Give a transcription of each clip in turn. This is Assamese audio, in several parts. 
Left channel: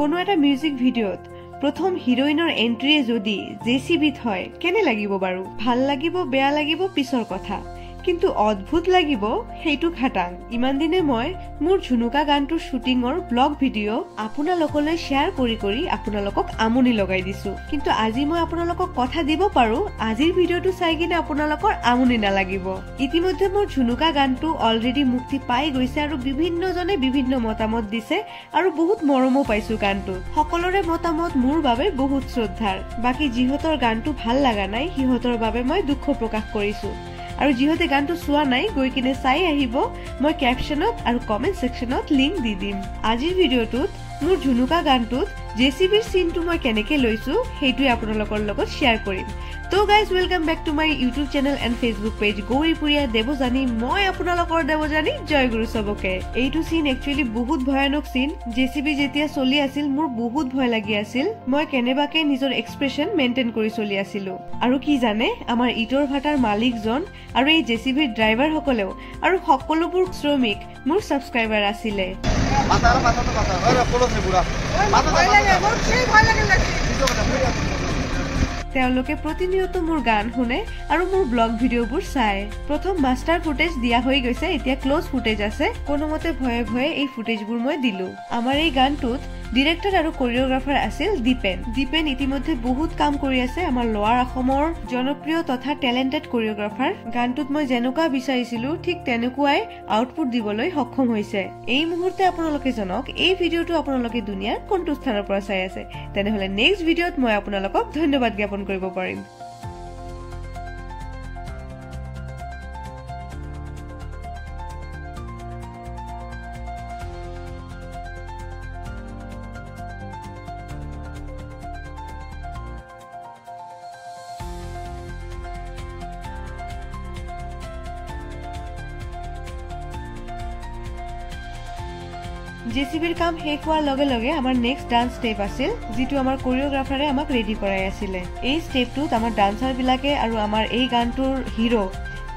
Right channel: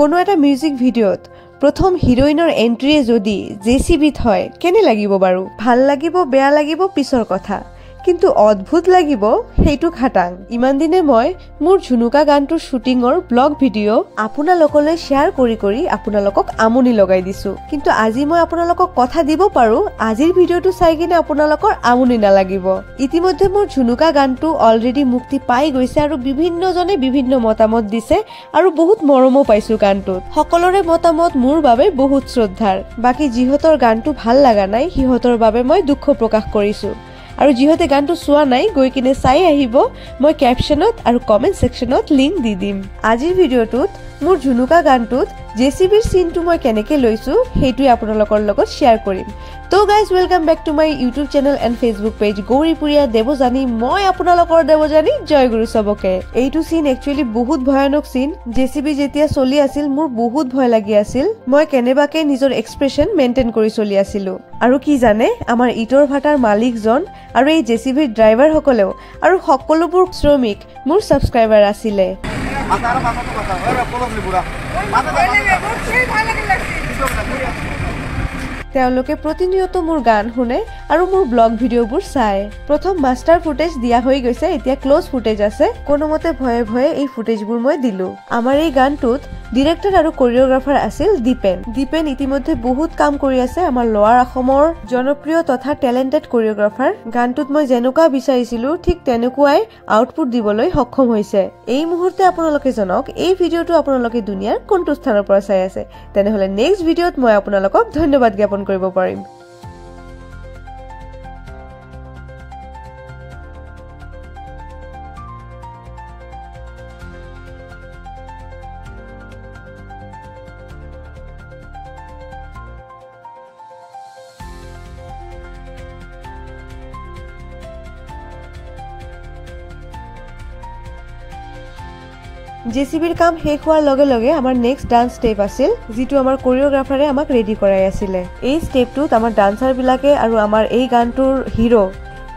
কোনো এটা মিউজিক ভিডিঅ'ত প্ৰথম হিৰোইনৰ এন্ট্ৰিয়ে যদি জেচিবিত হয় কেনে লাগিব বাৰু? ভাল লাগিব, বেয়া লাগিব পিছৰ কথা, কিন্তু অদ্ভুত লাগিব সেইটো খাটাং। ইমান দিনে মই মোৰ ঝুনুকা গানটোৰ শ্বুটিঙৰ ব্লগ ভিডিঅ' আপোনালোকলৈ শ্বেয়াৰ কৰি আপোনালোকক আমনি লগাই দিছো, কিন্তু আজি মই আপোনালোকক কথা দিব পাৰো আজিৰ ভিডিঅ'টো চাই কিনে আপোনালোকৰ আমনি নালাগিব। ইতিমধ্যে মোৰ ঝুনুকা গানটো অলৰেডি মুক্তি পাই গৈছে আৰু বিভিন্নজনে বিভিন্ন মতামত দিছে আৰু বহুত মৰমো পাইছো গানটোত। সকলোৰে মতামত মোৰ বাবে বহুত শ্ৰদ্ধাৰ। বাকী যিহঁতৰ গানটো ভাল লগা নাই সিহঁতৰ বাবে মই দুখ প্ৰকাশ কৰিছো, আৰু যিহঁতে গানটো চোৱা নাই গৈ কিনে চাই আহিব। মই কেপশ্যনত আৰু কমেণ্ট ছেকশ্যনত লিংক দি দিম। আজিৰ ভিডিঅ'টোত মোৰ ঝুনুকা গানটোত জেচিবিৰ চিনটো মই কেনেকে লৈছো সেইটোৱে আপোনালোকৰ লগত শ্বেয়াৰ কৰিম। তো guys, welcome back to my YouTube channel and Facebook page Gauripuriya Devjani. মই আপোনালোকৰ দেৱজানী, জয় গুৰু চবকে। এইটো চিন একচুৱেলি বহুত ভয়ানক চিন। জেচিবি যেতিয়া চলি আছিল মোৰ বহুত ভয় লাগি আছিল। মই কেনেবাকে নিজৰ এক্সপ্ৰেছন মেইনটেইন কৰি চলি আছিলো। আৰু কি জানে, আমাৰ ইটৰ ভাটাৰ মালিকজন আৰু এই জেচিবিৰ ড্ৰাইভাৰ সকলেও আৰু সকলোবোৰ শ্ৰমিক মোৰ ছাবস্ক্ৰাইবাৰ আছিলে। তেওঁলোকে প্ৰতিনিয়ত মোৰ গান শুনে আৰু মোৰ ব্লগ ভিডিঅ'বোৰ চায়। প্ৰথম মাষ্টাৰ ফুটেজ দিয়া হৈ গৈছে, এতিয়া ক্লজ ফুটেজ আছে। কোনোমতে ভয়ে ভয়ে এই ফুটেজবোৰ মই দিলো। আমাৰ এই গানটোত ডিৰেক্টৰ আৰু কোৰিঅ'গ্ৰাফাৰ আছিল দীপেন। দীপেন ইতিমধ্যে বহুত কাম কৰি আছে, আমাৰ লোৱাৰ অসমৰ জনপ্ৰিয় তথা টেলেণ্টেড কোৰিঅ'গ্ৰাফাৰ। গানটোত মই যেনেকুৱা বিচাৰিছিলো ঠিক তেনেকুৱাই আউটপুট দিবলৈ সক্ষম হৈছে। এই মুহূৰ্তে আপোনালোকে জনাওক এই ভিডিঅ'টো আপোনালোকে দুনিয়াৰ কোনটো স্থানৰ পৰা চাই আছে, তেনেহলে নেক্সট ভিডিঅ'ত মই আপোনালোকক ধন্যবাদ জ্ঞাপন কৰিব পাৰিম। জেচিবিৰ কাম শেষ হোৱাৰ লগে লগে আমাৰ নেক্সট ডান্স ষ্টেপ আছিল, যিটো আমাৰ কোৰিঅ'গ্ৰাফাৰে আমাক ৰেডি কৰাই আছিলে। এই ষ্টেপটোত আমাৰ ডান্সাৰ বিলাকে আৰু আমাৰ এই গানটোৰ হিৰো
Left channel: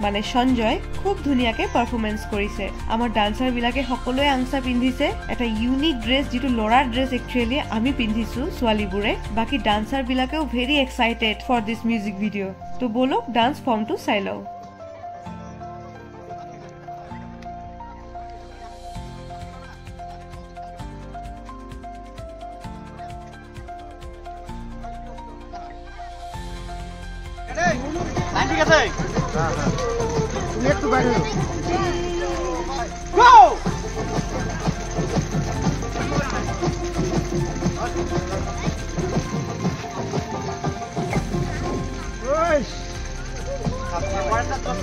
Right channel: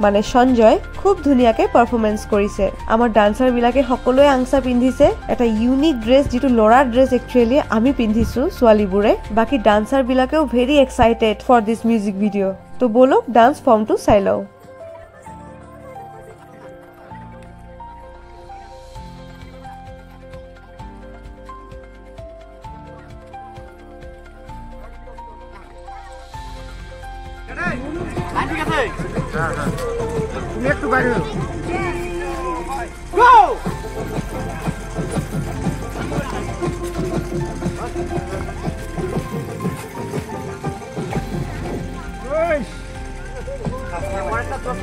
মানে সঞ্জয় খুব ধুনীয়াকে পাৰফৰ্মেন্স কৰিছে। আমাৰ ডান্সাৰ বিলাকে সকলোৱে আংচা পিন্ধিছে, এটা ইউনিক ড্ৰেছ, যিটো ল'ৰাৰ ড্ৰেছ একচুৱেলি আমি পিন্ধিছো ছোৱালীবোৰে। বাকী ডান্সাৰ বিলাকেও very excited for this music video'. তো বলক ডান্স ফৰ্মটো চাই লওঁ। ঠিক আছে, একটু বাইৰে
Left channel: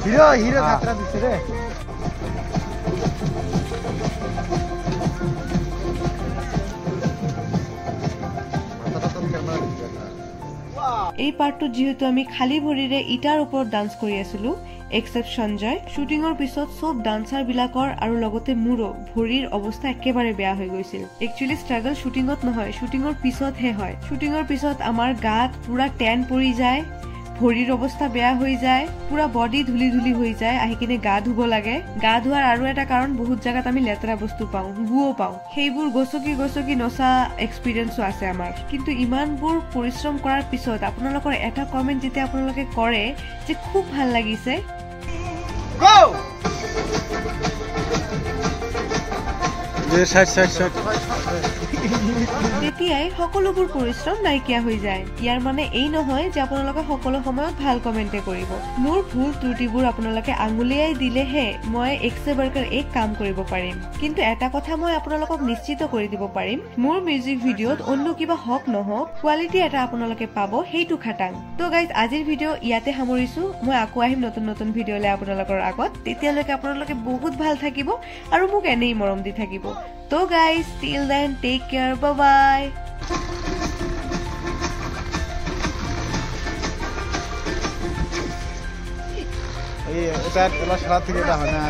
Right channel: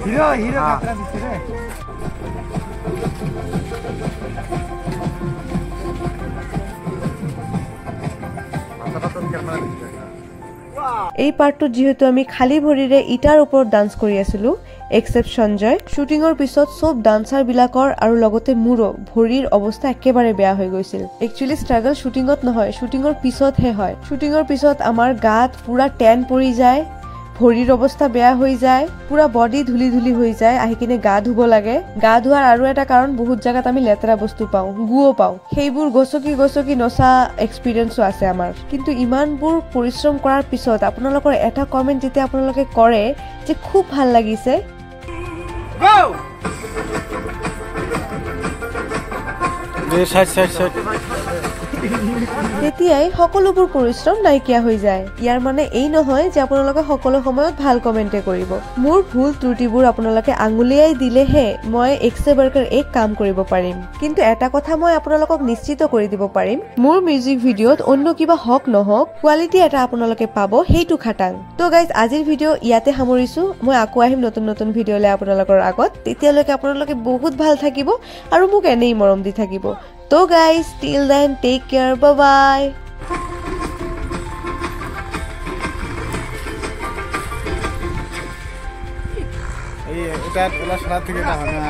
হিৰো হিৰো খাতৰা দিচ্ছে ৰে। এই পাৰ্টটোত যিহেতু আমি খালী ভৰিৰে ইটাৰ ওপৰত ডান্স কৰি আছিলো এক্সেপ্ট সঞ্জয়, শ্বুটিঙৰ পিছত চব ডান্সাৰ বিলাকৰ আৰু লগতে মোৰো ভৰিৰ অৱস্থা একেবাৰে বেয়া হৈ গৈছিল। একচুৱেলি ষ্ট্ৰাগল শ্বুটিঙত নহয়, শ্বুটিঙৰ পিছতহে হয়। শ্বুটিঙৰ পিছত আমাৰ গাত পুৰা টেন পৰি যায়, ভৰিৰ অৱস্থা বেয়া হৈ যায়, পুৰা বডি ধুলি ধুলি হৈ যায়, আহি কিনে গা ধুব লাগে। গা ধোৱাৰ আৰু এটা কাৰণ, বহুত জাগাত আমি লেতেৰা বস্তু পাওঁ, গুও পাওঁ, সেইবোৰ গছকি গছকি নচা এক্সপিৰিয়েঞ্চো আছে আমাৰ। কিন্তু ইমানবোৰ পৰিশ্ৰম কৰাৰ পিছত আপোনালোকৰ এটা কমেণ্ট যেতিয়া আপোনালোকে কৰে যে খুব ভাল লাগিছে, তেতিয়াই সকলোবোৰ পৰিশ্ৰম নাইকিয়া হৈ যায়। ইয়াৰ মানে এই নহয় যে আপোনালোকে সকলো সময়ত ভাল কমেণ্টে কৰিব। মোৰ ভুল ত্ৰুটিবোৰ আপোনালোকে আঙুলিয়াই দিলেহে মই একছে বাৰকাৰ এক কাম কৰিব পাৰিম। কিন্তু এটা কথা মই আপোনালোকক নিশ্চিত কৰি দিব পাৰিম, মোৰ মিউজিক ভিডিঅ'ত অন্য কিবা হওক নহওক কোৱালিটি এটা আপোনালোকে পাব, সেইটো খাটাং। তো গাইজ, আজিৰ ভিডিঅ' ইয়াতে সামৰিছো। মই আকৌ আহিম নতুন নতুন ভিডিঅ'লৈ আপোনালোকৰ আগত। তেতিয়ালৈকে আপোনালোকে বহুত ভাল থাকিব আৰু মোক এনেই মৰম দি থাকিব। তো guys, till then, take care, bye bye. এটা সারা থেকে এটা হয় না।